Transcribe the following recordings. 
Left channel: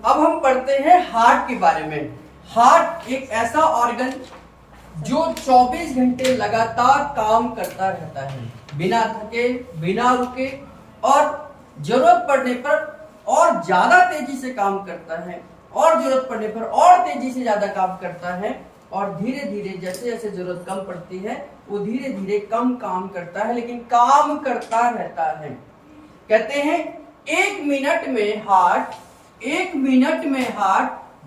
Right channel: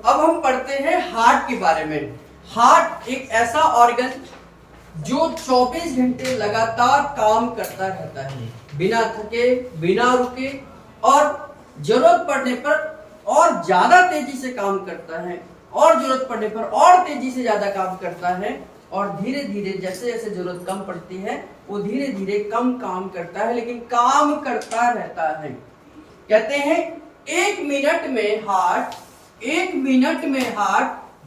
अब हम पढ़ते हैं हार्ट के बारे में। हार्ट एक ऐसा ऑर्गन जो 24 घंटे लगातार काम करता रहता है, बिना थके, बिना रुके, और जरूरत पड़ने पर और ज्यादा तेजी से काम करता है, और जरूरत पड़ने पर और तेजी से ज्यादा काम करता है, और धीरे धीरे जैसे जैसे जरूरत कम पड़ती है वो धीरे धीरे कम काम करता है, लेकिन काम करता रहता है। कहते हैं 1 मिनट में हार्ट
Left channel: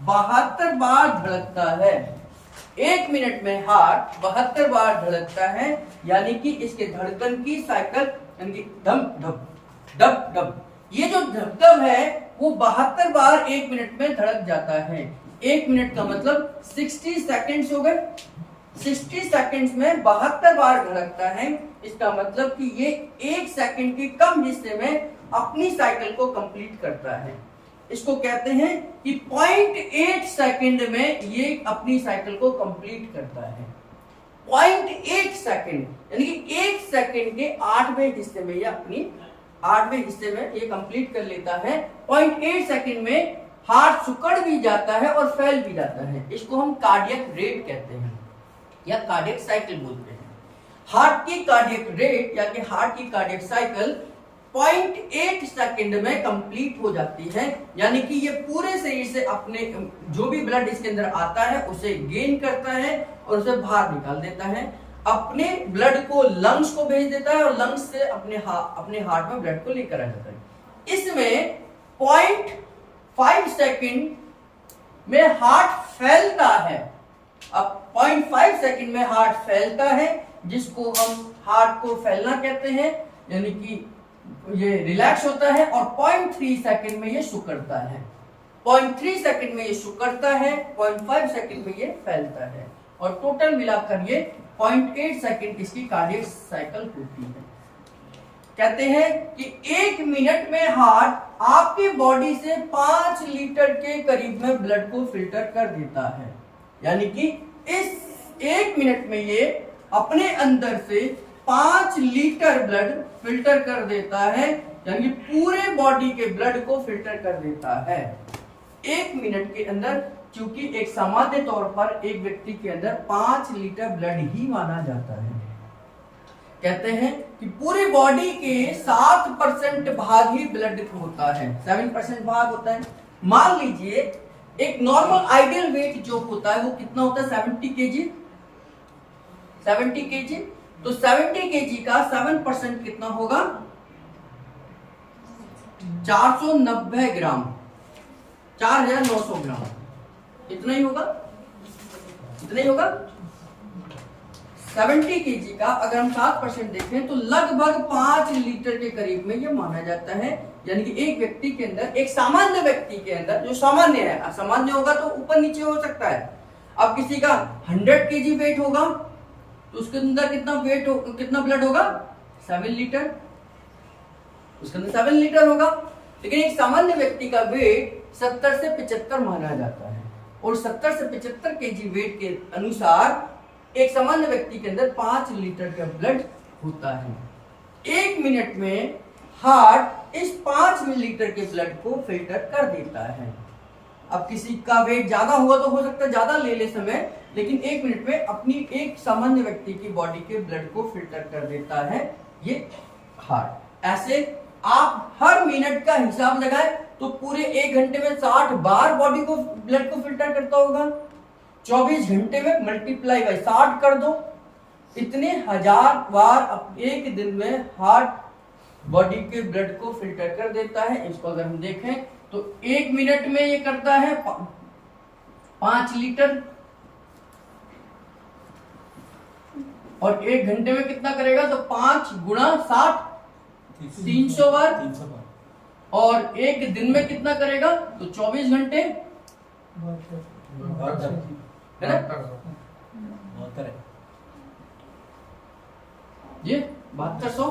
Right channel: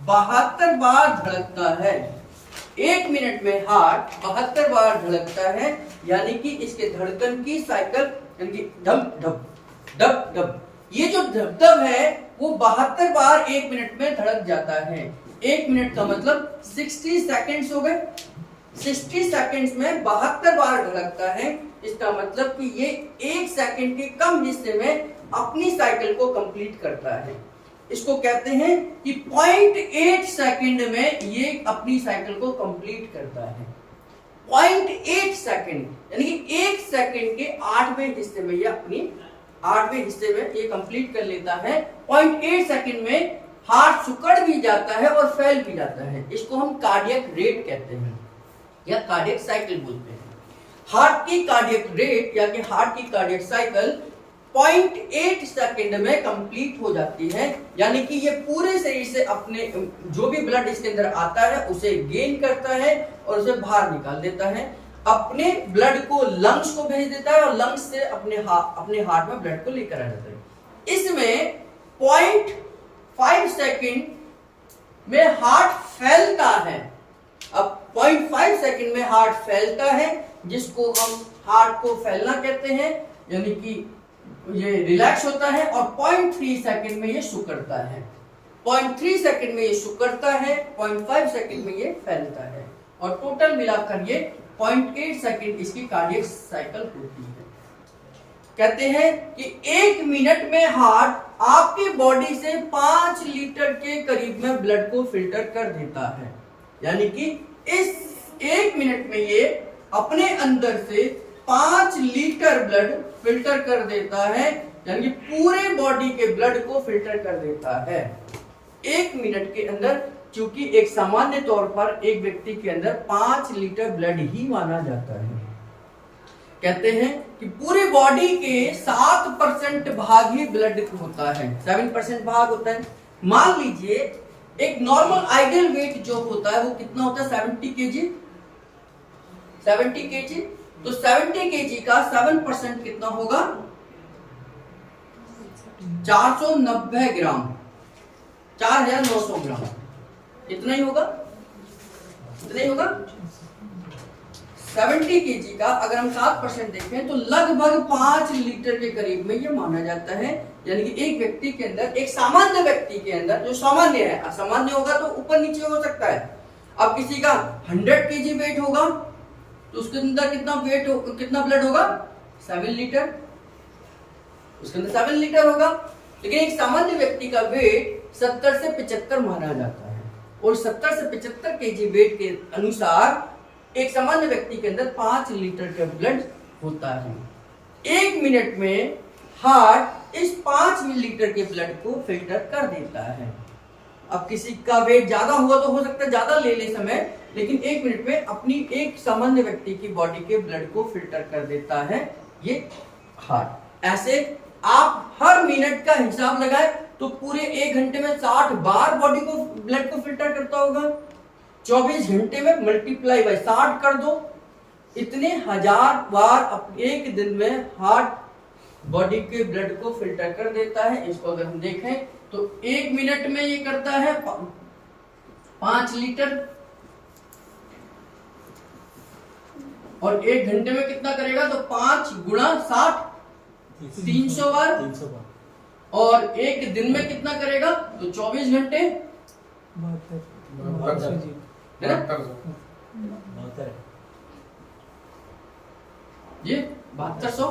72 बार धड़कता है। 1 मिनट में हार्ट 72 बार धड़कता है, यानी कि इसके धड़कन की साइकिल, यानी कि धप धप धप धप, ये जो धप है वो 72 बार 1 मिनट में धड़क जाता है। 1 मिनट का मतलब 60 सेकेंड्स हो गए। 60 सेकेंड्स में 72 बार धड़कता है। इसका मतलब कि ये 1 सेकेंड के कम हिस्से में अपनी साइकिल को कंप्लीट करता है। इसको कहते हैं कि 0.8 सेकेंड में ये अपनी साइकिल को कंप्लीट करता है। 0.8 सेकेंड, यानी कि 1 सेकेंड के 8वें हिस्से में ये अपनी 8वें हिस्से में ये कंप्लीट कर लेता है। 0.8 सेकेंड में हार्ट सिकुड़ भी जाता है और फैल भी जाता है। इसको हम कार्डियक रेट कहते हैं या कार्डियक साइकिल बोलते हैं। हार्ट की कार्डियक रेट या कि हार्ट की कार्डियक साइकिल 0.8 सेकेंड में कंप्लीट हो जाती है, यानी कि ये पूरे शरीर से अपने जो भी ब्लड इसके अंदर आता है उसे गेन करता है और उसे बाहर निकाल देता है, अपने ब्लड को लंग्स को भेज देता है और लंग्स से अपने हार्ट में ब्लड को लेकर आ जाता है। इसमें 0.5 सेकेंड में हार्ट फैलता है। अब 0.5 सेकेंड में हार्ट फैलता है, जिसको हम हार्ट को फैलना कहते हैं, यानी कि ये रिलैक्स होता है, और 0.3 सेकेंड में ये सिकुड़ता है। 0.3 सेकेंड में ये सिकुड़ता है, 0.5 सेकेंड में ये फैलता है, और टोटल मिलाकर ये 0.8 सेकेंड इसकी कार्डियक साइकिल होती है। कहते हैं कि 1 मिनट में हार्ट आपकी बॉडी से 5 लीटर के करीब में ब्लड को फिल्टर कर देता है, यानी कि इस 1 मिनट में ये अपने अंदर से 5 लीटर ब्लड फिल्टर कर देता है, यानी कि पूरे बॉडी के ब्लड को फिल्टर कर देता है 1 मिनट के अंदर। क्योंकि एक सामान्य तौर पर एक व्यक्ति के अंदर 5 लीटर ब्लड ही माना जाता है। कहते हैं कि पूरी बॉडी के 7% भाग ही ब्लड होता है, 7% भाग होता है। मान लीजिए एक नॉर्मल आइडियल वेट जो होता है वो कितना होता है, 70 केजी। 70 केजी, तो 70 केजी का 7% कितना होगा, 490 ग्राम, 4900 ग्राम, इतना ही होगा, इतना ही होगा। 70 केजी का अगर हम 7% देखें तो लगभग 5 लीटर के करीब में ये माना जाता है, यानी कि एक व्यक्ति के अंदर, एक सामान्य व्यक्ति के अंदर, जो सामान्य है, असामान्य होगा तो ऊपर नीचे हो सकता है। अब किसी का 100 केजी वेट होगा तो उसके अंदर कितना ब्लड होगा, 7 लीटर, उसके अंदर 7 लीटर होगा। लेकिन एक सामान्य व्यक्ति का वेट 70 से 75 माना जाता है, और 70 से 75 केजी वेट के अनुसार एक सामान्य व्यक्ति के अंदर 5 लीटर का ब्लड होता है। 1 मिनट में हार्ट इस 5 मिलीलीटर के ब्लड को फिल्टर कर देता है। अब किसी का वेट ज्यादा हुआ तो हो सकता है ज्यादा ले ले समय, लेकिन 1 मिनट में अपनी एक सामान्य व्यक्ति की बॉडी के ब्लड को फिल्टर कर देता है ये हार्ट। ऐसे आप हर मिनट का हिसाब लगाए तो पूरे 1 घंटे में 60 बार बॉडी को ब्लड को फिल्टर करता होगा। 24 घंटे में मल्टीप्लाई बाय 60 कर दो, इतने 1000 बार एक दिन में हार्ट बॉडी के ब्लड को फिल्टर कर देता है। इसको अगर हम देखें तो 1 मिनट में ये करता है 5 लीटर, और 1 घंटे में कितना करेगा, तो 5 गुणा 60, 300 बार, और 1 दिन में कितना करेगा, तो 24 घंटे, है ना, ये 7200,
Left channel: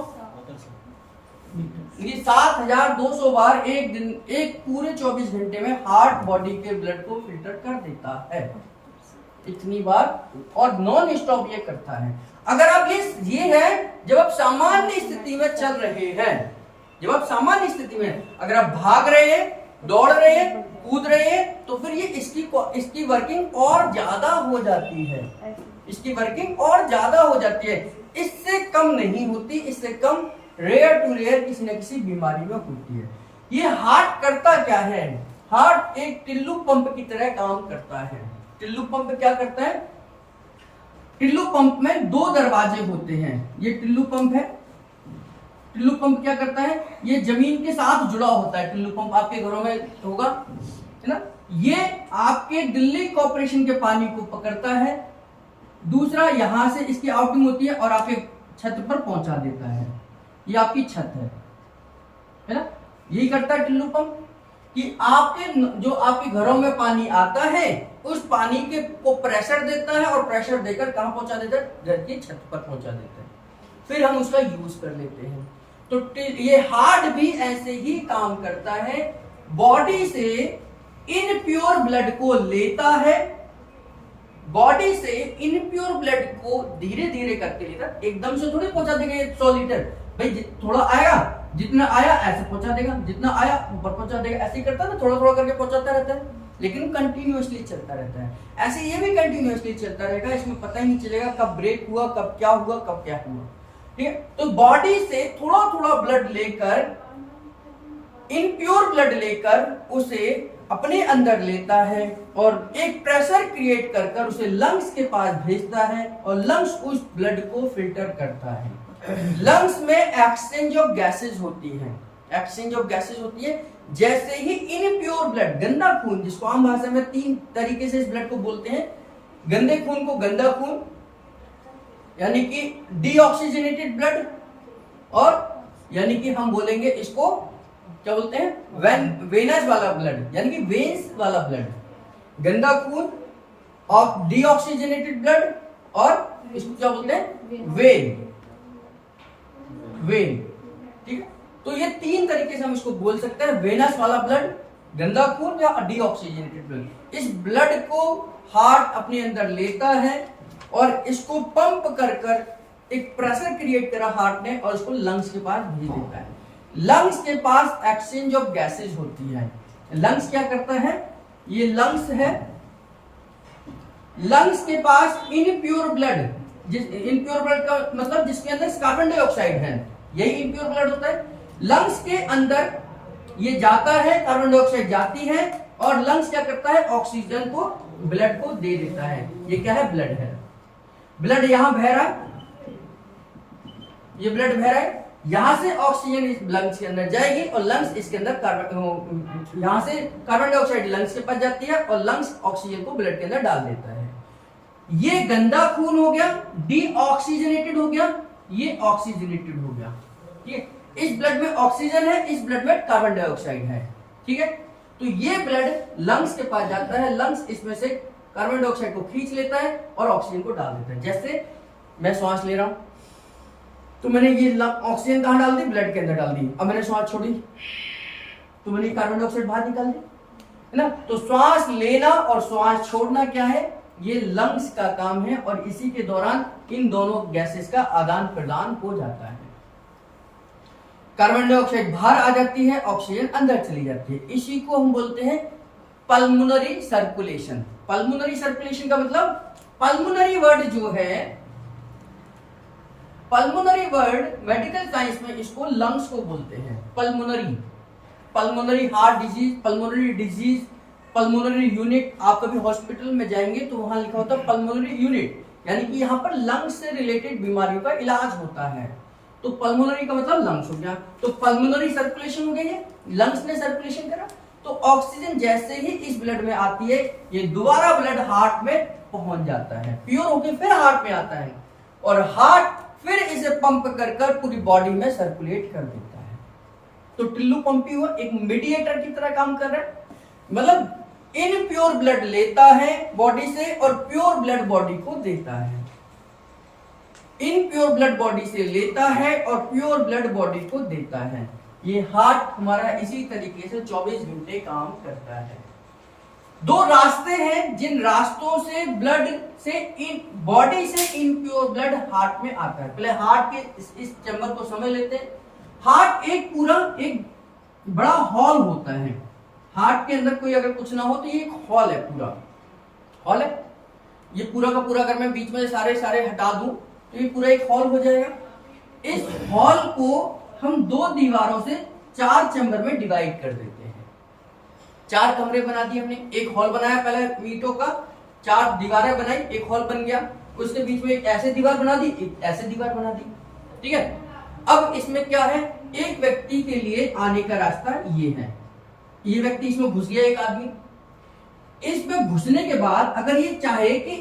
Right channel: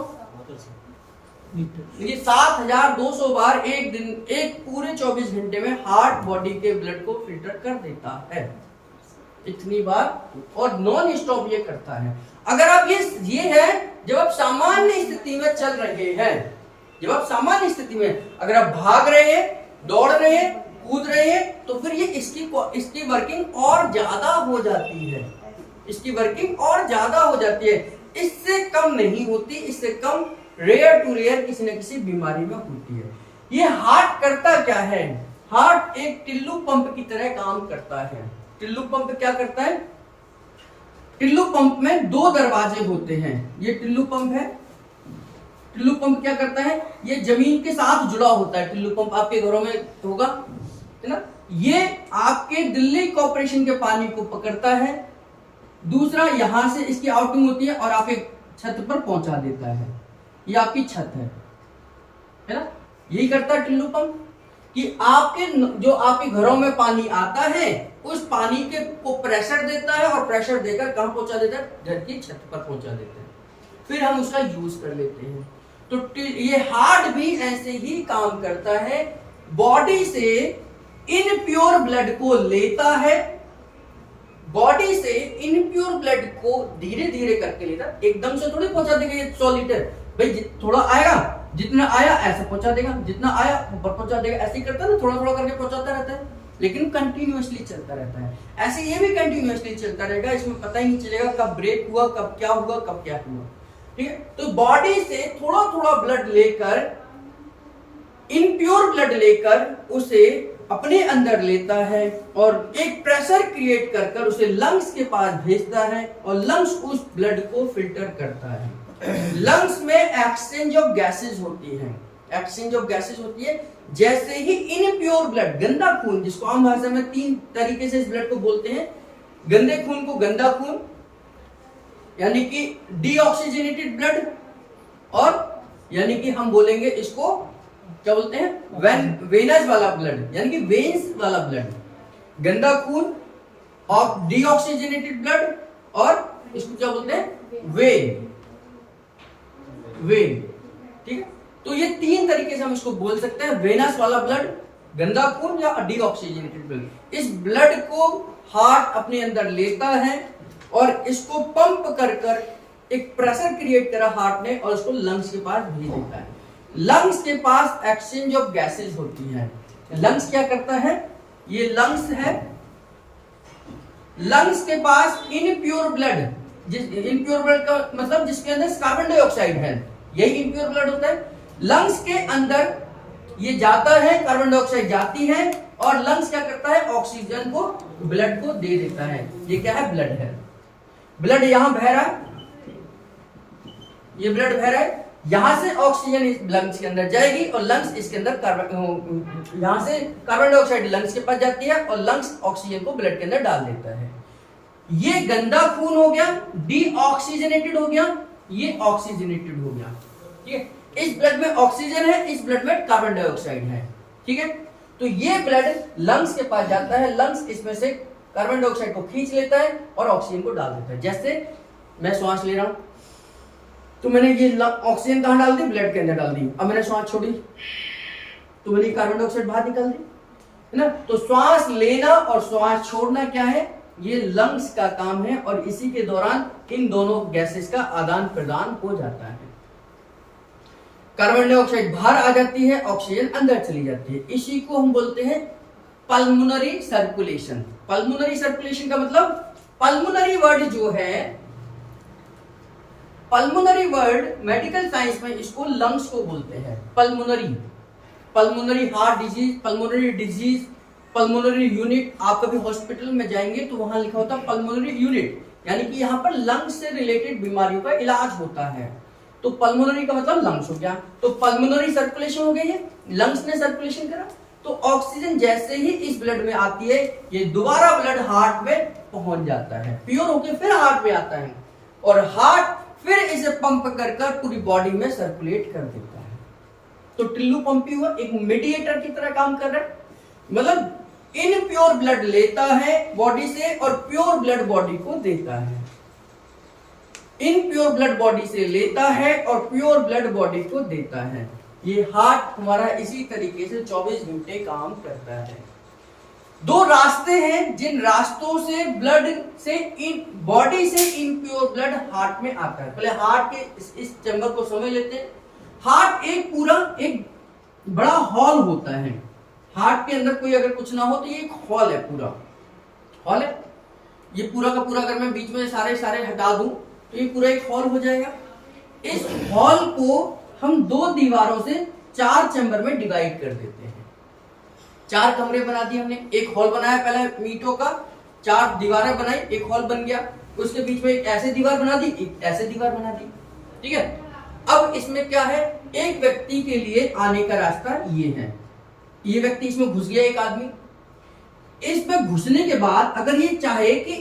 ये 7200 बार एक दिन, एक पूरे 24 घंटे में हार्ट बॉडी के ब्लड को फिल्टर कर देता है, इतनी बार, और नॉन स्टॉप ये करता है। अगर आप ये है जब आप सामान्य स्थिति में चल रहे हैं, जब आप सामान्य स्थिति में अगर आप भाग रहे हैं, दौड़ रहे हैं, कूद रहे हैं तो फिर ये इसकी वर्किंग और ज्यादा हो जाती है, इसकी वर्किंग और ज्यादा हो जाती है, इससे कम नहीं होती, इससे कम रेयर टू रेयर किसी न किसी बीमारी में होती है। ये हार्ट करता क्या है? हार्ट एक टिल्लू पंप की तरह काम करता है। टिल्लू पंप क्या करता है? टिल्लू पंप में 2 दरवाजे होते हैं। ये टिल्लू पंप है। टिल्लू पंप क्या करता है? ये जमीन के साथ जुड़ा होता है। टिल्लू पंप आपके घरों में होगा, है ना? ये आपके दिल्ली कॉर्पोरेशन के पानी को पकड़ता है, दूसरा यहां से इसकी आउटिंग होती है और आपके छत पर पहुंचा देता है। ये आपकी छत है ना? यही करता है टिल्लू पंप कि आपके घरों में पानी आता है, उस पानी के को प्रेशर देता है और प्रेशर देकर कहां पहुंचा देता है? घर की छत पर पहुंचा देता है, फिर हम उसका यूज कर लेते हैं। तो ये हार्ट भी ऐसे ही काम करता है, बॉडी से इनप्योर ब्लड को लेता है, बॉडी से इनप्योर ब्लड को धीरे धीरे करके लेता है। एकदम से थोड़ी पहुंचा देगा ये 100 लीटर, भाई थोड़ा आएगा, जितना आया ऐसे पहुंचा देगा, जितना आया ऊपर पहुंचा देगा, ऐसे ही करता है ना, थोड़ा थोड़ा करके पहुंचाता रहता है, लेकिन कंटिन्यूअसली चलता रहता है। ऐसे ये भी कंटिन्यूअसली चलता रहेगा, इसमें पता ही नहीं चलेगा कब ब्रेक हुआ, कब क्या हुआ, कब क्या हुआ। ठीक है, तो बॉडी से थोड़ा थोड़ा ब्लड लेकर, इनप्योर ब्लड लेकर उसे अपने अंदर लेता है और एक प्रेशर क्रिएट कर कर उसे लंग्स के पास भेजता है और लंग्स उस ब्लड को फिल्टर करता है। लंग्स में एक्सचेंज ऑफ गैसेस होती है, एक्सचेंज ऑफ गैसेस होती है। जैसे ही इनप्योर ब्लड, गंदा खून, जिसको आम भाषा में 3 तरीके से इस ब्लड को बोलते हैं। गंदे खून को गंदा खून, यानी कि डीऑक्सीजनेटेड ब्लड, और यानी कि हम बोलेंगे इसको क्या बोलते हैं? वेनस वाला ब्लड, यानी कि वेन्स वाला ब्लड, गंदा खून और डीऑक्सीजनेटेड ब्लड, और इसको क्या बोलते हैं? वेन। ठीक है, तो ये 3 तरीके से हम इसको बोल सकते हैं, वेनस वाला ब्लड, गंदा खून या डीऑक्सीजनेटेड ब्लड। इस ब्लड को हार्ट अपने अंदर लेता है और इसको पंप कर कर एक प्रेशर क्रिएट करा हार्ट ने और उसको लंग्स के पास भेज देता है। लंग्स के पास एक्सचेंज ऑफ गैसेस होती है। लंग्स क्या करता है? ये लंग्स है, लंग्स के पास इनप्योर ब्लड, इनप्योर ब्लड का मतलब जिसके अंदर कार्बन डाइऑक्साइड है, यही इनप्योर ब्लड होता है। लंग्स के अंदर ये जाता है, कार्बन डाइऑक्साइड जाती है और लंग्स क्या करता है? ऑक्सीजन को ब्लड को दे देता है। ये क्या है? ब्लड है। ब्लड यहां बह रहा है, ये ब्लड बह रहा है, यहां से ऑक्सीजन इस लंग्स के अंदर जाएगी और लंग्स इसके अंदर यहां से कार्बन डाइऑक्साइड लंग्स के पास जाती है और लंग्स ऑक्सीजन को ब्लड के अंदर डाल देता है। ये गंदा खून हो गया, डीऑक्सीजनेटेड हो गया, ये ऑक्सीजनेटेड हो गया। ठीक है, इस ब्लड में ऑक्सीजन है, इस ब्लड में कार्बन डाइऑक्साइड है। ठीक है, तो ये ब्लड लंग्स के पास जाता है, लंग्स इसमें से कार्बन डाइऑक्साइड को खींच लेता है और ऑक्सीजन को डाल देता है। जैसे मैं श्वास ले रहा हूं तो मैंने ये ऑक्सीजन कहां डाल दी? ब्लड के अंदर डाल दी। अब मैंने श्वास छोड़ी तो मैंने कार्बन डाइऑक्साइड बाहर निकाल दी, है ना? तो श्वास लेना और श्वास छोड़ना क्या है? ये लंग्स का काम है और इसी के दौरान इन दोनों गैसेस का आदान प्रदान हो जाता है। कार्बन डाइऑक्साइड बाहर आ जाती है, ऑक्सीजन अंदर चली जाती है। इसी को हम बोलते हैं पल्मोनरी सर्कुलेशन। पल्मोनरी सर्कुलेशन का मतलब, पल्मोनरी वर्ड जो है, पल्मोनरी वर्ड मेडिकल साइंस में इसको लंग्स को बोलते हैं। Pulmonary, pulmonary heart disease, pulmonary disease, pulmonary unit. आप कभी हॉस्पिटल में जाएंगे तो वहां लिखा होता है पल्मोनरी यूनिट, यानी कि यहाँ पर लंग्स से रिलेटेड बीमारियों का इलाज होता है। तो पल्मोनरी का मतलब लंग्स हो गया, तो पल्मोनरी सर्कुलेशन हो गई है, लंग्स ने सर्कुलेशन करा। तो ऑक्सीजन जैसे ही इस ब्लड में आती है, ये दोबारा ब्लड हार्ट में पहुंच जाता है, प्योर होकर फिर हार्ट में आता है और हार्ट फिर इसे पंप कर कर पूरी बॉडी में सर्कुलेट कर देता है। तो टिल्लू पंप ही हुआ, एक मीडिएटर की तरह काम कर रहा है। मतलब इनप्योर ब्लड लेता है बॉडी से और प्योर ब्लड बॉडी को देता है। इनप्योर ब्लड बॉडी से लेता है और प्योर ब्लड बॉडी को देता है। ये हार्ट हमारा इसी तरीके से 24 घंटे काम करता है। 2 रास्ते हैं जिन रास्तों से ब्लड से बॉडी से इनप्योर ब्लड हार्ट में आता है। पहले हार्ट के इस चैम्बर को समझ लेते हैं। हार्ट एक पूरा एक बड़ा हॉल होता है। हार्ट के अंदर कोई अगर कुछ ना हो तो ये एक हॉल है, पूरा हॉल है। ये पूरा का पूरा अगर मैं बीच में सारे सारे हटा दूं तो ये पूरा एक हॉल हो जाएगा। इस हॉल को हम 2 दीवारों से 4 चैम्बर में डिवाइड कर देते हैं। 4 कमरे बना दिए हमने, एक हॉल बनाया पहले ईंटों का, 4 दीवारें बनाई, एक हॉल बन गया। उसके बीच में एक ऐसे दीवार बना दी, एक ऐसे दीवार बना दी, ठीक है। अब इसमें क्या है, एक व्यक्ति के लिए आने का रास्ता ये है। ये व्यक्ति इसमें घुस गया, एक आदमी। इसमें घुसने के बाद अगर ये चाहे कि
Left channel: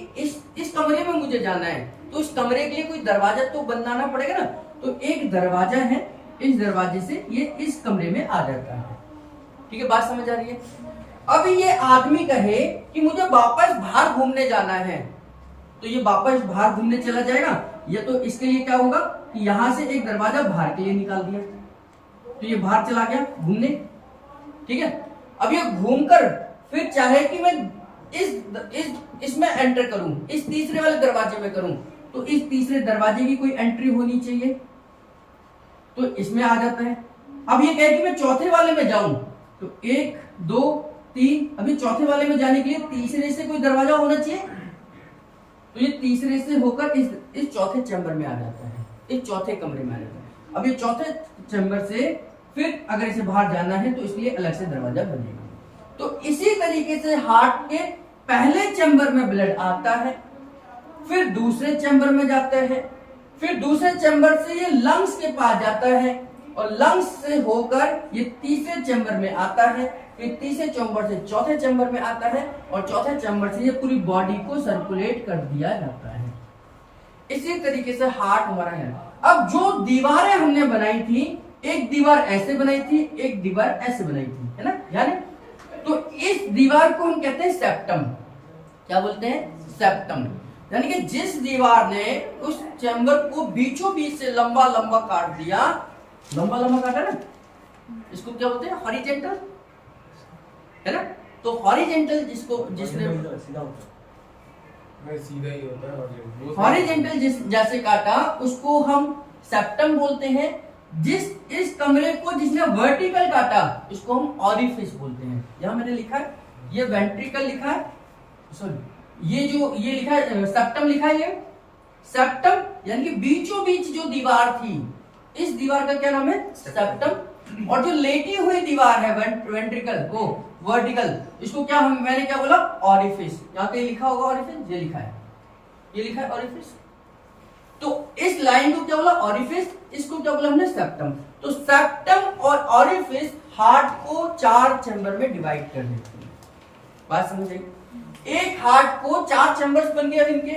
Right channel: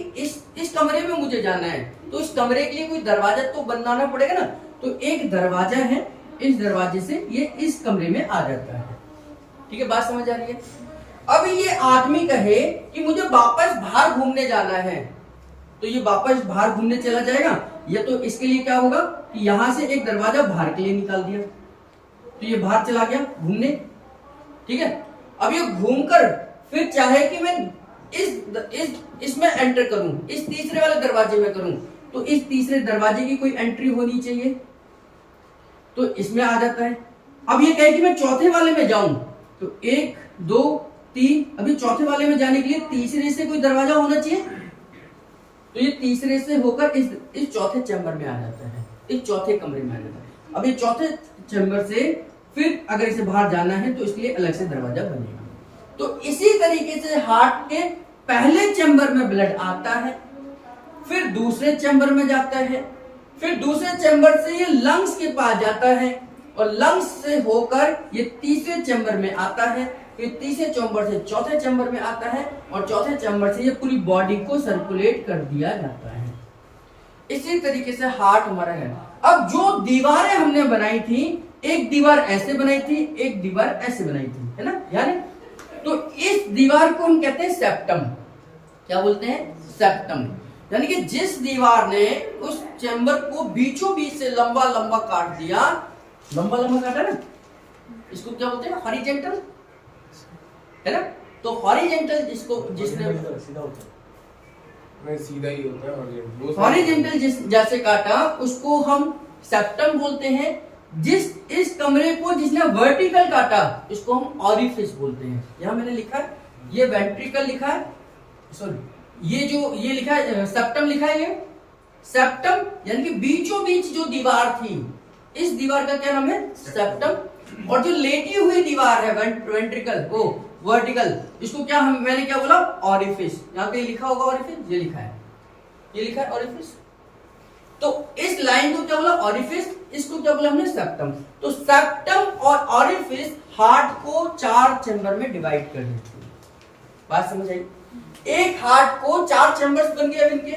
इस कमरे में मुझे जाना है तो इस कमरे के लिए कोई दरवाजा तो बनाना पड़ेगा ना। तो एक दरवाजा है, इस दरवाजे से ये इस कमरे में आ जाता है, ठीक है। बात समझ आ रही है। अब ये आदमी कहे कि मुझे वापस बाहर घूमने जाना है, तो ये वापस बाहर घूमने चला जाएगा। या तो इसके लिए क्या होगा कि यहां से एक दरवाजा बाहर के लिए निकाल दिया, तो ये बाहर चला गया घूमने, ठीक है। अब ये घूमकर फिर चाहे कि मैं इसमें एंटर करूं, इस तीसरे वाले दरवाजे में करूं, तो इस तीसरे दरवाजे की कोई एंट्री होनी चाहिए, तो इसमें आ जाता है। अब ये कहे कि मैं चौथे वाले में जाऊं, तो 1 2 3, अभी चौथे वाले में जाने के लिए तीसरे से कोई दरवाजा होना चाहिए, तो ये तीसरे से होकर इस चौथे चैम्बर में आ जाता है, इस चौथे कमरे में आ जाता है। अब ये चौथे चैम्बर से फिर अगर इसे बाहर जाना है तो इसके लिए अलग से दरवाजा बनेगा। तो इसी तरीके से हार्ट के पहले चैम्बर में ब्लड आता है, फिर दूसरे चैम्बर में जाता है, फिर दूसरे चैम्बर से ये लंग्स के पास जाता है, और लंग्स से होकर ये तीसरे चैम्बर में आता है, फिर तीसरे चैम्बर से चौथे चैम्बर में आता है, और चौथे चैम्बर से ये पूरी बॉडी को सर्कुलेट कर दिया जाता है। इसी तरीके से हार्ट हमारा है। अब जो दीवारें हमने बनाई थी, एक दीवार ऐसे बनाई थी, एक दीवार ऐसे बनाई थी, है ना, यानी तो इस दीवार को हम कहते हैं सेप्टम। क्या बोलते हैं? सेप्टम। यानी कि जिस दीवार ने उस चैम्बर को बीचों बीच से लंबा लंबा काट दिया, लंबा लंबा काटा ना, इसको क्या बोलते हैं? हॉरिजेंटल, है ना। तो हॉरिजेंटल जिसको जिसने सीधा ही होता है, हॉरिजेंटल जैसे काटा उसको हम सेप्टम बोलते हैं। इस कमरे को जिसने वर्टिकल काटा इसको हम ऑरिफिस बोलते हैं। यहां मैंने लिखा है, ये वेंट्रिकल लिखा है, सॉरी ये लिखा है सेप्टम लिखा है। ये सेप्टम यानी कि बीचों बीच जो दीवार थी, इस दीवार का क्या नाम है? सेप्टम। और जो लेटी हुई दीवार है वेंट्रिकल, वो वर्टिकल, इसको क्या मैंने क्या बोला? ऑरिफिस। यहाँ पे लिखा होगा ऑरिफिस, ये लिखा है, ये लिखा है ऑरिफिस। तो इस लाइन को क्या बोला? ऑरिफिस। इसको क्या बोला हमने? सेप्टम। तो सेप्टम और ऑरिफिस हार्ट को 4 चैम्बर में डिवाइड कर देते हैं। बात समझ आई? एक हार्ट को 4 चैम्बर्स बन गए इनके।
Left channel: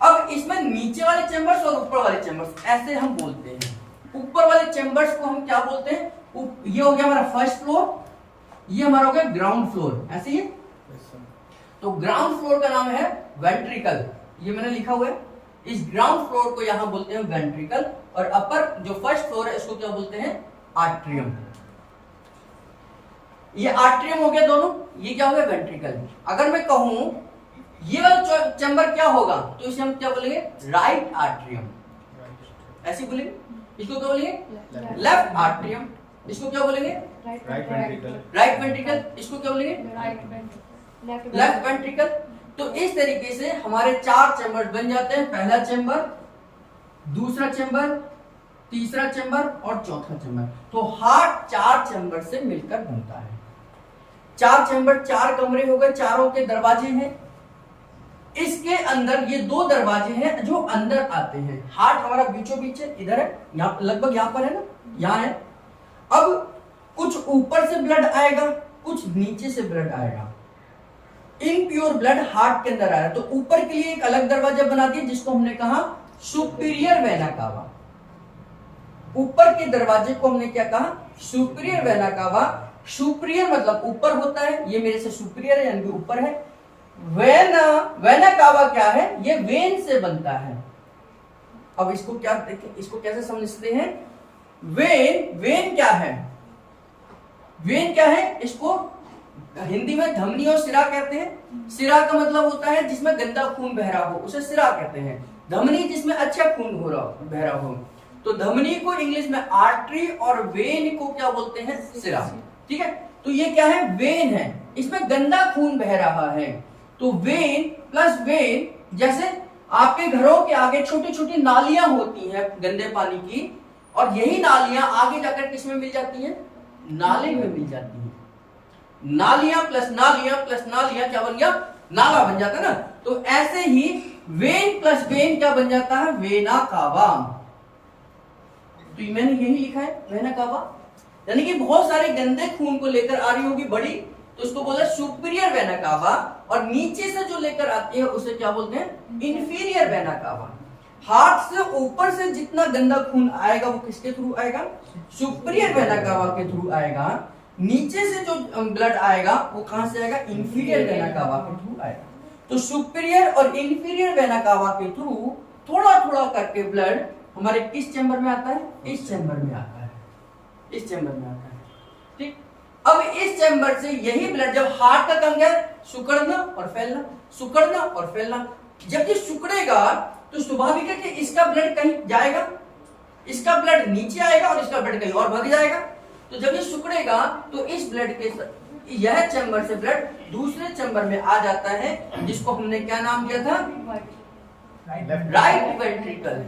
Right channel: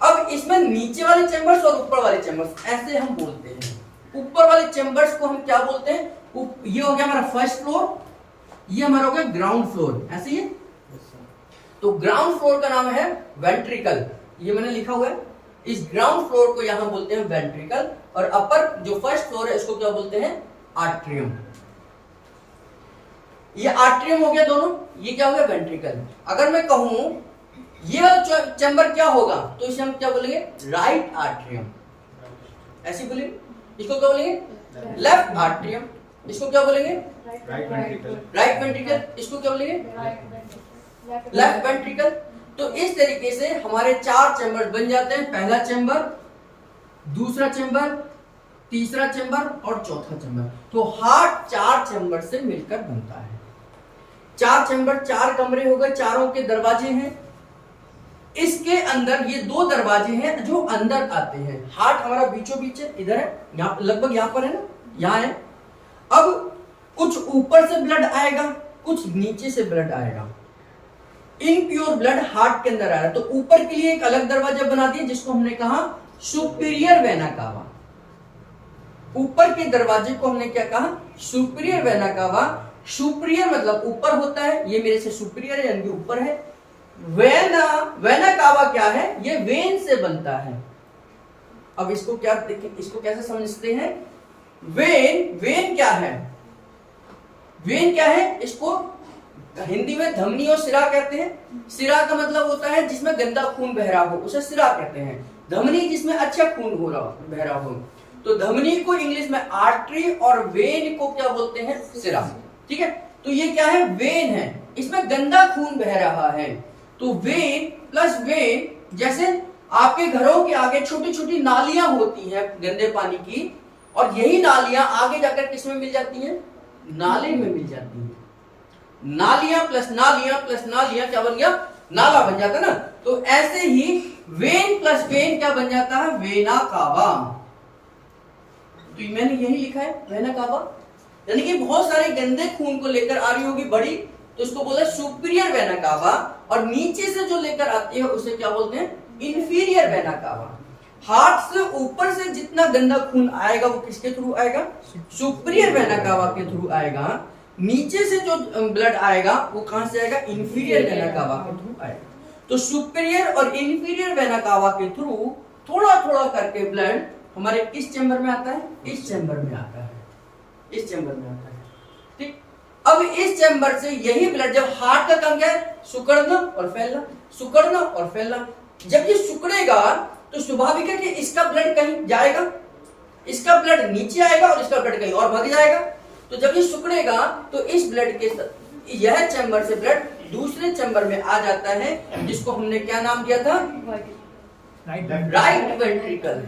अब इसमें नीचे वाले चैम्बर्स और ऊपर वाले चैम्बर्स ऐसे हम बोलते हैं। ऊपर वाले चैम्बर्स को हम क्या बोलते हैं? ये हो गया हमारा फर्स्ट फ्लोर, ये हमारा हो गया ग्राउंड फ्लोर, ऐसे ही। तो ग्राउंड फ्लोर का नाम है वेंट्रिकल, ये मैंने लिखा हुआ है। इस ग्राउंड फ्लोर को यहां बोलते हैं वेंट्रिकल, और अपर जो फर्स्ट फ्लोर है इसको क्या बोलते हैं? आर्ट्रियम। ये आर्ट्रियम हो गया दोनों, ये क्या हो गया? वेंट्रिकल। अगर मैं कहूं ये वाला चैम्बर क्या होगा तो इसे हम क्या बोलेंगे? राइट आर्ट्रियम, ऐसे बोलेंगे। इसको क्या बोलेंगे? Left atrium. इसको क्या बोलेंगे? Right ventricle. Right ventricle. इसको क्या बोलेंगे? Left ventricle. तो इस तरीके से हमारे 4 चैम्बर बन जाते हैं। पहला चैम्बर, दूसरा चैम्बर, तीसरा चैम्बर और चौथा चैम्बर। तो हार्ट 4 चैम्बर से मिलकर बनता है। 4 चैम्बर, 4 कमरे हो गए, चारों के दरवाजे हैं। इसके अंदर ये 2 दरवाजे हैं जो अंदर आते हैं। हार्ट हमारा बीचों बीच है, इधर है, यहाँ लगभग यहाँ पर है ना, यहाँ है। अब कुछ ऊपर से ब्लड आएगा, कुछ नीचे से ब्लड आएगा। इनप्योर ब्लड हार्ट के अंदर आ रहा है, तो ऊपर के लिए एक अलग दरवाजा बना दिया जिसको हमने कहा सुपीरियर वेना कावा। ऊपर के दरवाजे को हमने क्या कहा? Superior vena cava. सुपीरियर मतलब ऊपर होता है, ये मेरे से सुपीरियर है यानी कि ऊपर है। वेना कावा क्या है? ये वेन से बनता है। अब इसको क्या देखिए, इसको कैसे समझते हैं? वेन क्या है? वेन क्या है? इसको हिंदी में धमनी और सिरा कहते हैं। सिरा का मतलब होता है जिसमें गंदा खून बह रहा हो, उसे सिरा कहते हैं। धमनी जिसमें अच्छा खून हो रहा बह रहा हो। तो धमनी को इंग्लिश में आर्टरी और वेन को क्या बोलते हैं? सिरा। ठीक है। तो ये क्या है, वेन है, इसमें गंदा खून बह रहा है। तो वेन प्लस वेन, जैसे आपके घरों के आगे छोटी छोटी नालियां होती हैं गंदे पानी की, और यही नालियां आगे जाकर किसमें मिल जाती हैं, नाले में मिल जाती हैं। नालियां प्लस नालियां क्या बन गया, नाला बन जाता ना। तो ऐसे ही वेन प्लस वेन क्या बन जाता है, वेना कावा। तो मैंने यही लिखा है वेना कावा, यानी कि बहुत सारे गंदे खून को लेकर आ रही होगी बड़ी, तो इसको बोला सुपीरियर वेना कावा, और नीचे से जो लेकर आती है उसे क्या बोलते हैं, इंफीरियर वेना कावा। हार्ट से ऊपर से जितना गंदा खून आएगा वो किसके थ्रू आएगा, सुपीरियर वेना कावा के थ्रू आएगा। नीचे से जो ब्लड आएगा वो कहां से आएगा, इंफीरियर वेना कावा के थ्रू आएगा। तो सुपीरियर और इंफीरियर वेना कावा के थ्रू थोड़ा थोड़ा करके ब्लड हमारे किस चैम्बर में आता है, इस चैम्बर में आता है, इस चैम्बर में आता है। ठीक, अब इस चैम्बर से यही ब्लड जब हार्ट का अंग है, सिकुड़ना और फैलना, सिकुड़ना और फैलना। जब ये सिकुड़ेगा तो स्वाभाविक है कि इसका ब्लड कहीं जाएगा, इसका ब्लड नीचे आएगा और इसका ब्लड कहीं और भाग जाएगा। तो जब ये सिकुड़ेगा तो इस ब्लड के यह चैम्बर से ब्लड दूसरे चैम्बर में आ जाता है, जिसको हमने क्या नाम दिया था, राइट वेंट्रिकल।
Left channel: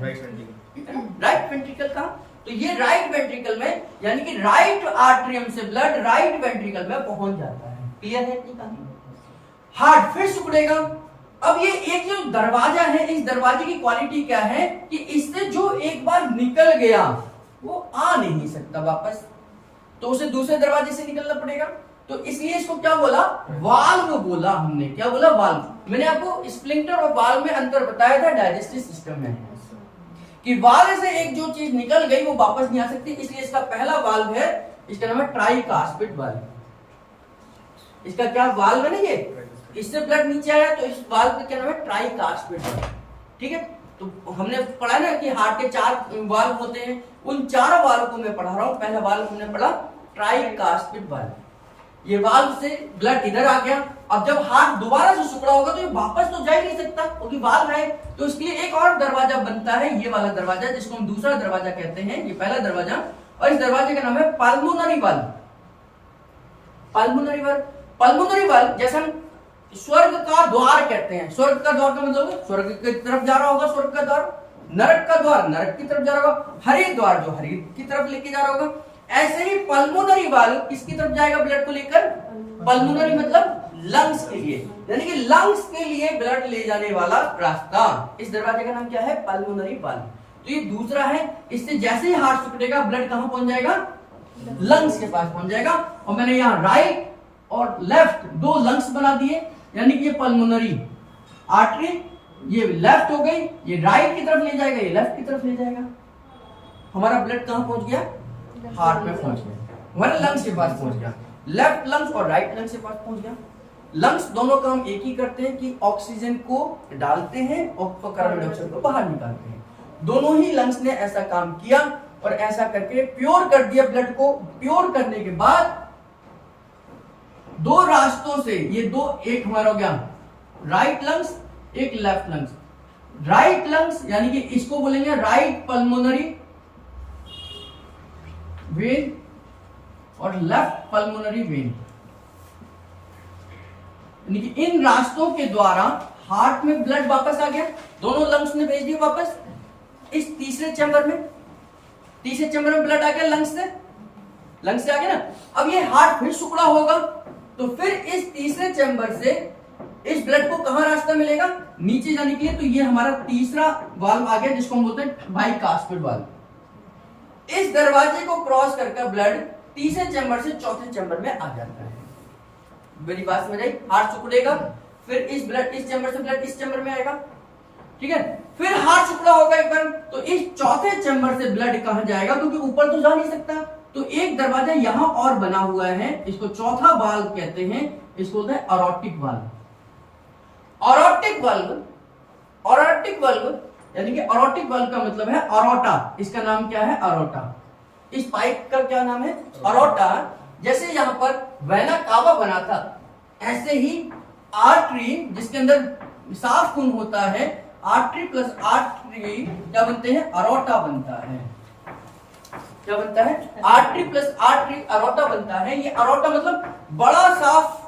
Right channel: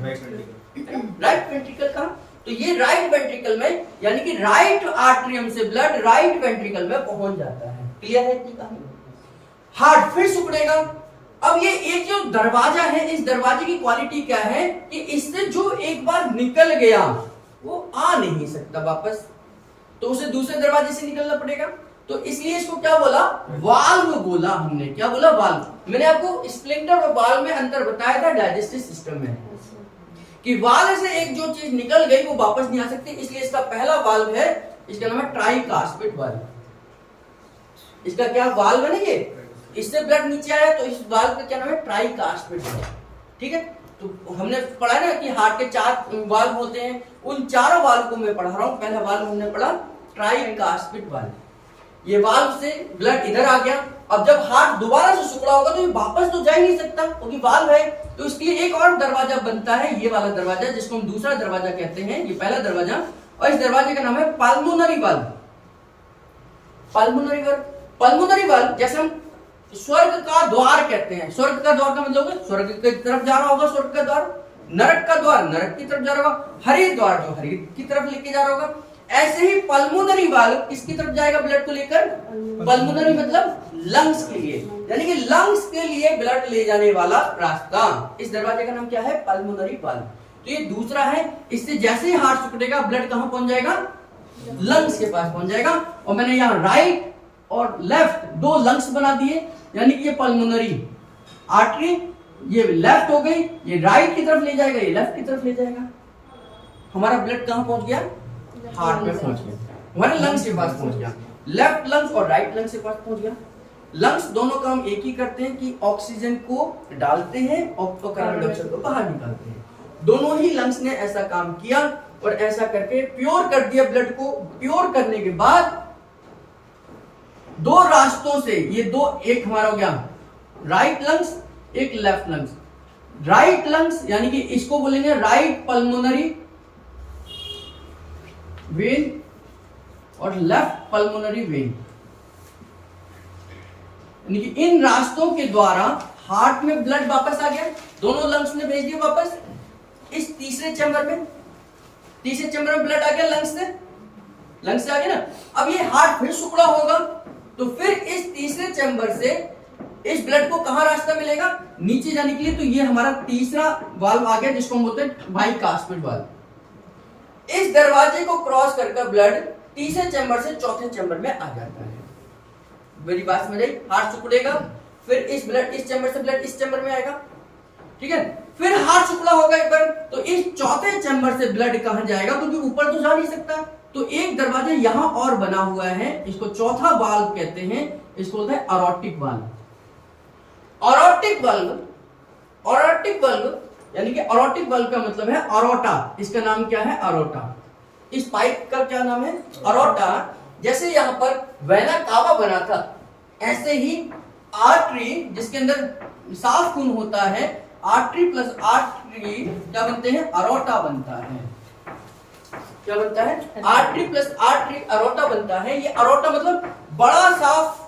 राइट वेंट्रिकल कहा, तो ये राइट वेंट्रिकल में, यानी कि राइट आर्टरियम से ब्लड राइट वेंट्रिकल में पहुंच जाता है। क्लियर है इतनी कहानी। हार्ट फिर सिकुड़ेगा। अब ये एक जो दरवाजा है, इस दरवाजे की क्वालिटी क्या है कि इससे जो एक बार निकल गया वो आ नहीं सकता वापस, तो उसे दूसरे दरवाजे से निकलना पड़ेगा। तो इसलिए इसको क्या बोला, वाल्व बोला हमने। क्या बोला, वाल्व। मैंने आपको स्प्लिंटर और वाल्व में अंतर बताया था डाइजेस्टिव सिस्टम में, कि वाल्व से एक जो चीज निकल गई वो वापस नहीं आ सकती, इसलिए इसका पहला वाल्व है, इसका नाम है ट्राइकास्पिड वाल्व। इसका क्या वाल्व है ना, ये इससे ब्लड नीचे आया तो इस वाल्व का क्या नाम है, ट्राइकास्पिड वाल्व। ठीक है, तो हमने पढ़ा ना कि हार्ट के 4 वाल्व होते हैं, उन 4 वाल्व को मैं पढ़ा रहा हूं। पहला वाल्व हमने पढ़ा ट्राइकास्पिड वाल्व, ये वाल्व से ब्लड इधर आ गया। अब जब हार्ट दोबारा से सिकुड़ा होगा तो ये वापस तो जा ही नहीं सकता क्योंकि वाल्व है, तो इसलिए एक और दरवाजा बनता है, ये वाला दरवाजा जिसको हम दूसरा दरवाजा कहते हैं, ये पहला दरवाजा, और इस दरवाजे का नाम है pulmonary valve. Pulmonary valve, pulmonary valve जैसे हम स्वर्ग का द्वार कहते हैं। स्वर्ग का द्वार का मतलब स्वर्ग की तरफ जा रहा होगा स्वर्ग का द्वार, नरक का द्वार नरक की तरफ जा रहा होगा, हरित द्वार जो हरित की तरफ लेके जा रहा होगा। ऐसे ही पल्मोनरी वाल्व किसकी तरफ जाएगा ब्लड को लेकर, पल्मोनरी मतलब लंग्स के लिए, यानी कि लंग्स के लिए ब्लड ले जाने वाला रास्ता। इस दरवाजे का नाम क्या है, पल्मोनरी वाल्व। तो ये दूसरा है, इससे जैसे ही हार्ट सिकुड़ेगा ब्लड कहां पहुंच जाएगा, लंग्स के पास पहुंच जाएगा। और मैंने यहाँ राइट और लेफ्ट 2 लंग्स बना दिए, यानी कि ये पल्मोनरी आर्टरी, ये लेफ्ट हो गई, ये राइट की तरफ ले जाएगा, ये लेफ्ट की तरफ ले जाएगा। हमारा ब्लड कहां पहुंच गया, हार्ट में पहुंच गया, हमारे लंग्स के पास पहुंच गया। लेफ्ट लंग्स और राइट लंग्स के पास पहुंच गया। लंग्स दोनों काम एक ही करते हैं कि ऑक्सीजन को डालते हैं और कार्बन डाइऑक्साइड को बाहर निकालते हैं। दोनों ही लंग्स ने ऐसा काम किया और ऐसा करके प्योर कर दिया ब्लड को। प्योर करने के बाद 2 रास्तों से ये 2, एक हमारा हो गया राइट लंग्स, एक लेफ्ट लंग्स। राइट लंग्स यानी कि इसको बोलेंगे राइट पल्मोनरी वेन और लेफ्ट पल्मोनरी वेन, यानी कि इन रास्तों के द्वारा हार्ट में ब्लड वापस आ गया, दोनों लंग्स ने भेज दिया वापस इस तीसरे चैम्बर में। तीसरे चैम्बर में ब्लड आ गया लंग्स से आ गया ना। अब ये हार्ट फिर सिकुड़ा होगा तो फिर इस तीसरे चैम्बर से इस ब्लड को कहां रास्ता मिलेगा, नीचे जाने के लिए। तो ये हमारा तीसरा वाल्व आ गया जिसको हम बोलते हैं बाइकास्पिड वाल्व। इस दरवाजे को क्रॉस करके ब्लड तीसरे चैम्बर से चौथे चैम्बर में आ जाता है। मेरी बात समझ आई, हार्ट सिकुड़ेगा, फिर इस चैम्बर से ब्लड इस चैम्बर में आएगा, ठीक है। फिर हार्ट सिकुड़ा होगा एक बार, तो इस चौथे चैम्बर से ब्लड कहां जाएगा, क्योंकि ऊपर तो जा नहीं सकता। तो एक दरवाजा यहां और बना हुआ है, इसको चौथा वाल्व कहते हैं, इसको बोलते हैं अरोटिक वाल्व। अरोटिक वाल्व यानी कि अरोटिक वाल्व का मतलब है अरोटा। इसका नाम क्या है, अरोटा। इस पाइप का क्या नाम है, अरोटा। जैसे यहां पर वेना कावा बना था, ऐसे ही आर्टरी जिसके अंदर साफ खून होता है, आर्टरी प्लस आर्टरी क्या बनते हैं, अरोटा बनता है। क्या बनता है, आर्टरी प्लस आर्टरी अरोटा बनता है। ये अरोटा मतलब बड़ा साफ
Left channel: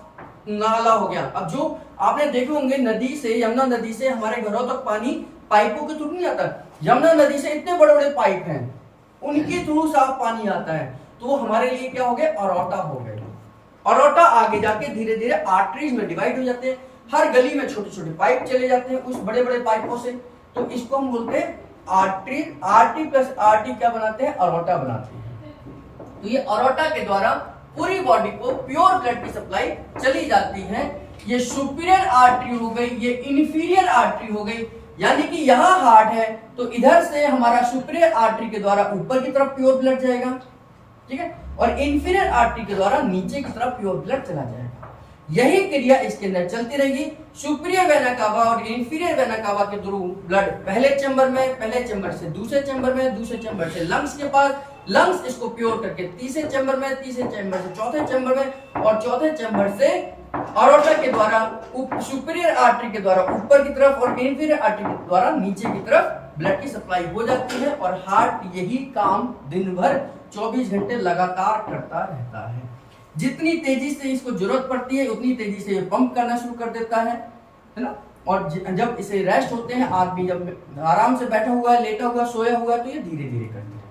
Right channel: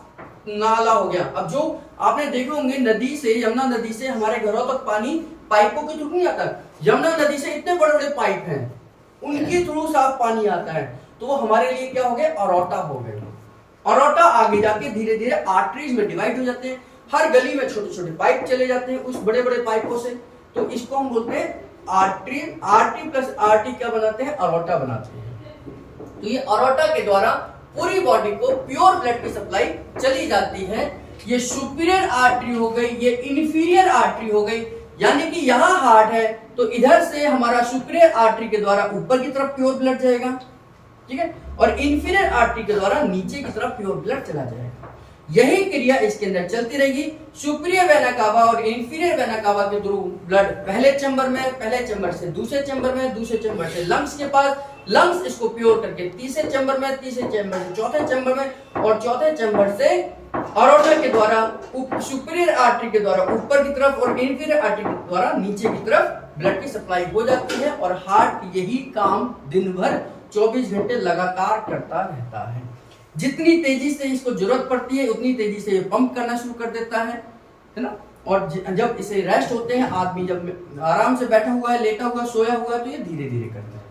नाला हो गया। अब जो आपने देखे होंगे नदी से, यमुना नदी से हमारे घरों तक पानी पाइपों के थ्रू नहीं आता, यमुना नदी से इतने बड़े बड़े पाइप हैं, उनके थ्रू साफ पानी आता है, तो वो हमारे लिए क्या हो गया, अरोटा हो गया। अरोटा आगे जाके धीरे धीरे आर्टरीज में डिवाइड हो जाते हैं, हर गली में छोटे छोटे पाइप चले जाते हैं उस बड़े बड़े पाइपों से, तो इसको हम बोलते हैं आर्टरी। आर्टरी प्लस आर्टरी क्या बनाते हैं, अरोटा बनाते हैं। तो ये अरोटा के द्वारा पूरी बॉडी को प्योर ब्लड की सप्लाई चली जाती है। ये सुपीरियर आर्टरी हो गई, ये इन्फीरियर आर्टरी हो गई, यानी कि यहाँ हार्ट है तो इधर से हमारा सुपीरियर आर्टरी के द्वारा ऊपर की तरफ प्योर ब्लड जाएगा, ठीक है, और इन्फीरियर आर्टरी के द्वारा नीचे की तरफ प्योर ब्लड चला जाएगा। यही क्रिया इसके अंदर चलती रहेगी। सुपीरियर वेना कावा और इन्फीरियर वेना कावा के थ्रू ब्लड पहले चैम्बर में, पहले चैम्बर से दूसरे चैम्बर में, दूसरे चैम्बर से लंग्स के पास, लंग्स इसको प्योर करके तीसरे चैम्बर में, तीसरे चैम्बर से चौथे चैम्बर में, और चौथे चैम्बर से अरोटा के द्वारा सुपीरियर आर्टरी के द्वारा ऊपर की तरफ और इन्फीरियर आर्टरी के द्वारा नीचे की तरफ ब्लड की सप्लाई हो जाती है। और हार्ट यही काम दिन भर 24 घंटे लगातार करता रहता है। जितनी तेजी से इसको जरूरत पड़ती है उतनी तेजी से ये पंप करना शुरू कर देता है ना। और जब इसे रेस्ट होते हैं, आदमी जब आराम से बैठा हुआ है, लेटा हुआ, सोया हुआ है, तो ये धीरे धीरे करता है,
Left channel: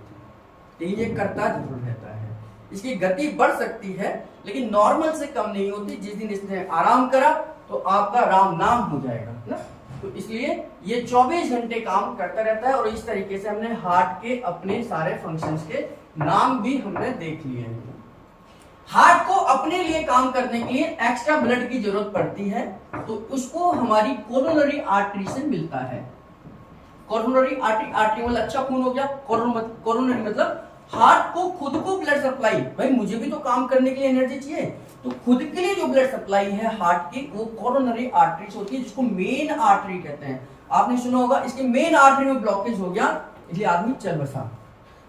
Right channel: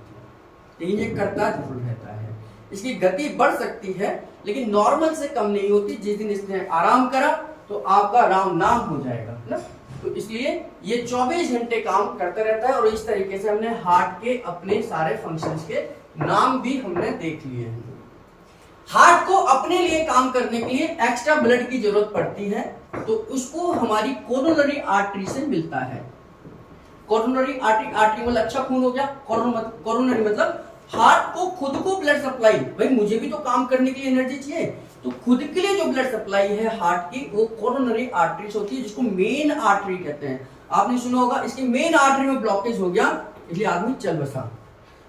ये करता जरूर रहता है। इसकी गति बढ़ सकती है लेकिन नॉर्मल से कम नहीं होती। जिस दिन इसने आराम करा तो आपका राम नाम हो जाएगा ना। तो इसलिए ये 24 घंटे काम करता रहता है। और इस तरीके से हमने हार्ट के अपने सारे फंक्शंस के नाम भी हमने देख लिए हैं। हार्ट को अपने लिए काम करने के लिए एक्स्ट्रा ब्लड की जरूरत पड़ती है, तो उसको हमारी कोरोनरी आर्टरी से मिलता है। कोरोनरी आर्टरी, आर्टरी मतलब अच्छा खून हो गया, कोरोनरी मतलब हार्ट को खुद को ब्लड सप्लाई, भाई मुझे भी तो काम करने के लिए एनर्जी चाहिए, तो खुद के लिए जो ब्लड सप्लाई है हार्ट की वो कोरोनरी आर्टरीज होती है, जिसको मेन आर्टरी कहते हैं। आपने सुना होगा इसके मेन आर्टरी में ब्लॉकेज हो गया इसलिए आदमी चल बसा।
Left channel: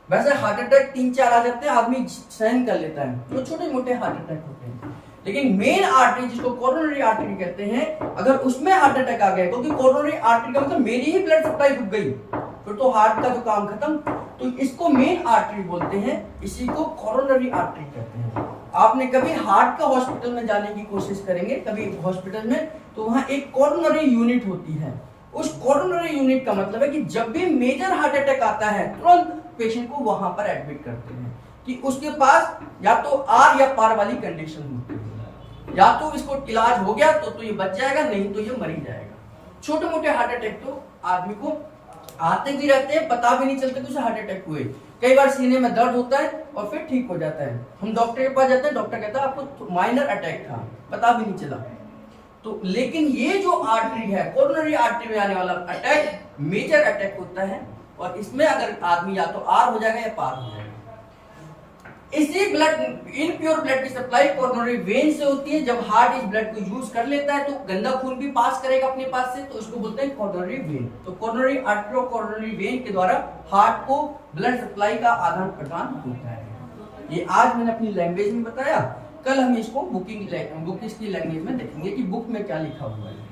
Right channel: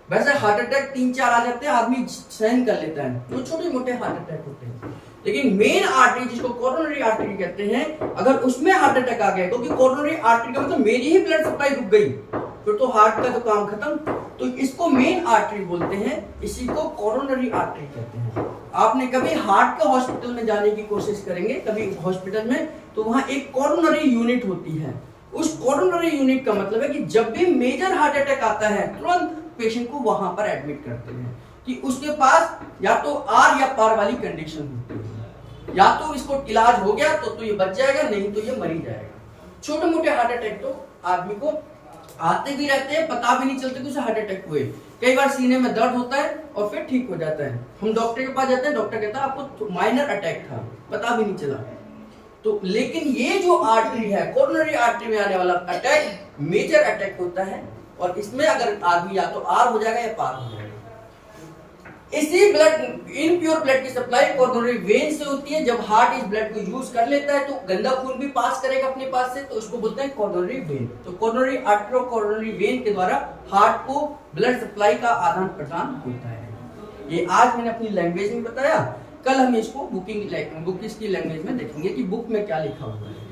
वैसे हार्ट अटैक 3-4 आ जाते हैं, आदमी सहन कर लेता है, वो छोटे मोटे हार्ट अटैक होते हैं। लेकिन मेन आर्टरी जिसको कोरोनरी आर्टरी कहते हैं, अगर उसमें हार्ट अटैक आ गया, क्योंकि कोरोनरी आर्टरी का मतलब मेरी ही ब्लड सप्लाई रुक गई, फिर तो हार्ट का तो काम खत्म। तो इसको मेन आर्टरी बोलते हैं, इसी को कोरोनरी आर्टरी कहते हैं। आपने कभी हार्ट का हॉस्पिटल में जाने की कोशिश करेंगे कभी हॉस्पिटल में, तो वहां एक कोरोनरी यूनिट होती है। उस कोरोनरी यूनिट का मतलब है कि जब भी मेजर हार्ट अटैक आता है तुरंत पेशेंट को वहां पर एडमिट करते हैं कि उसके पास या तो आर या पार वाली कंडीशन होती है, या तो इसको इलाज हो गया तो ये बच जाएगा, नहीं तो ये मरी जाएगा। छोटे मोटे हार्ट अटैक तो आदमी को आते भी रहते हैं, पता भी नहीं चलता कि उसे हार्ट अटैक हुए। कई बार सीने में दर्द होता है और फिर ठीक हो जाता है, हम डॉक्टर के पास जाते हैं, डॉक्टर कहता है आपको माइनर अटैक था, पता भी नहीं चला। तो लेकिन ये जो आर्टरी है, कोरोनरी आर्टरी में आने वाला अटैक मेजर अटैक होता है, और इसमें अगर आदमी या तो आर हो जाएगा या पार हो जाएगा। इसी ब्लड, इनप्योर ब्लड की सप्लाई कोरोनरी वेन से होती है। जब हार्ट इस ब्लड को यूज कर लेता है तो गंदा खून भी पास करेगा अपने पास से, तो उसको बोलते हैं कोरोनरी वेन। तो कोरोनरी आर्टरी कोरोनरी वेन के द्वारा हार्ट को ब्लड सप्लाई का आदान प्रदान होता है। ये आज मैंने अपनी लैंग्वेज में बताया, कल हम इसको बुकिंग की लैंग्वेज में देखेंगे कि बुक में क्या लिखा हुआ है।